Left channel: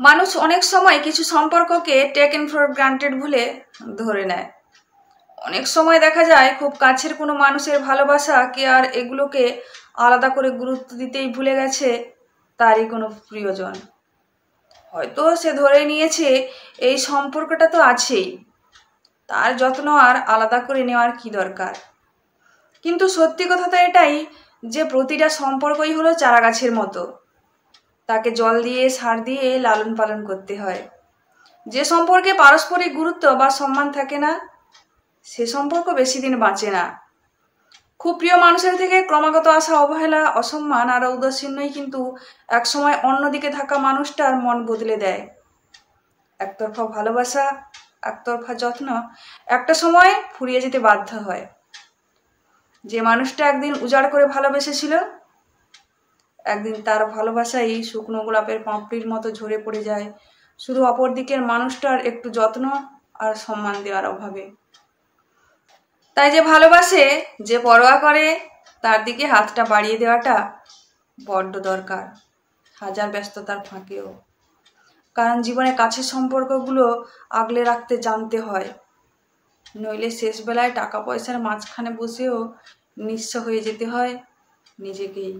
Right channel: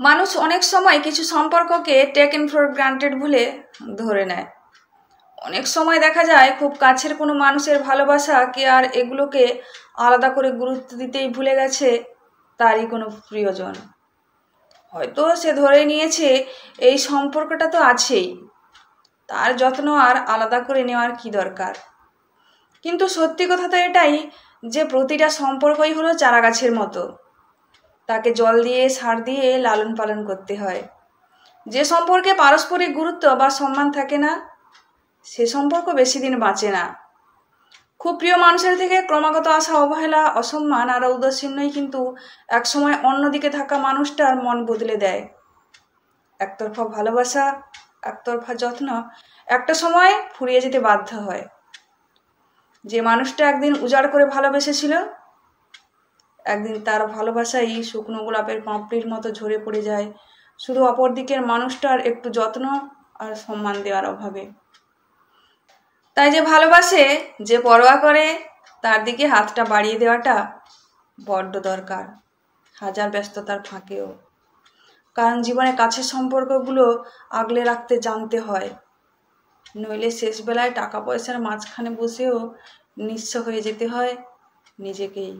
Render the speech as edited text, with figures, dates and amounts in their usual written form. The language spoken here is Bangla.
মানুষ অনেক সময় কিছু সম্পর্ককে টেকেন ফর গ্রান্টেড বলে ধরে নেয়। অনেক সময় দেখা যায় খুব কাছের কোনো মানুষের ভালোবাসা কেয়ার এগুলোকে আলাদা করে গুরুত্ব দিতেই ভুলে গেছে তারই কোনো প্রিয়জন। হয়তো সে ধরে নিয়েছে এই সম্পর্কটা তো আছেই, তার যত্ন আর আলাদা করে নেওয়ার কি দরকার। কিন্তু সত্যি কথা তো এটাই যে প্রতিটা সম্পর্কই হলো চারা গাছের মতো, তাকে জল দিয়ে সার দিয়ে লালন পালন করতে হয়। যে সম্পর্কে পারস্পরিক গুরুত্ব বা সম্মান থাকে না সে সম্পর্ক বেশি দিন বাঁচে না। খুব প্রিয় মানুষের থেকে ক্রমাগত আসা অবহেলা, অসম্মান আর ঔদাসীন্যই কিন্তু একসময় অন্যদিকে থাকা মানুষটার মন বদলে দেয়। একতরফা ভালোবাসা, একতরফা যত্ন একটা সময় ফুরিয়ে যেতে বাধ্য হয়। যে মানুষটা একদিন উজাড় করে ভালোবেসেছিল, একদিন তার ভালোবাসাই শুকনো গোলাপের পাপড়ির মতো ঝরে পড়ে যায় শুধু অপর দিকের মানুষটার একটু যত্ন আর সম্মান দেওয়ার অভাবে। তাই যে ভালোবাসে, যে পরোয়া করে, তার দিকে হাতটা বাড়িয়ে দেওয়াটা বড্ড দরকার, হাজার ব্যস্ততার ফাঁকেও। কারণ জীবনে কাছের সম্পর্কগুলো আগলে রাখতে জানতে হয়, নইলে শেষ বেলায় টাকা পয়সার মাঝখানে বসেও নিঃস্ব হয়ে যেতে হয় নিজেকেই।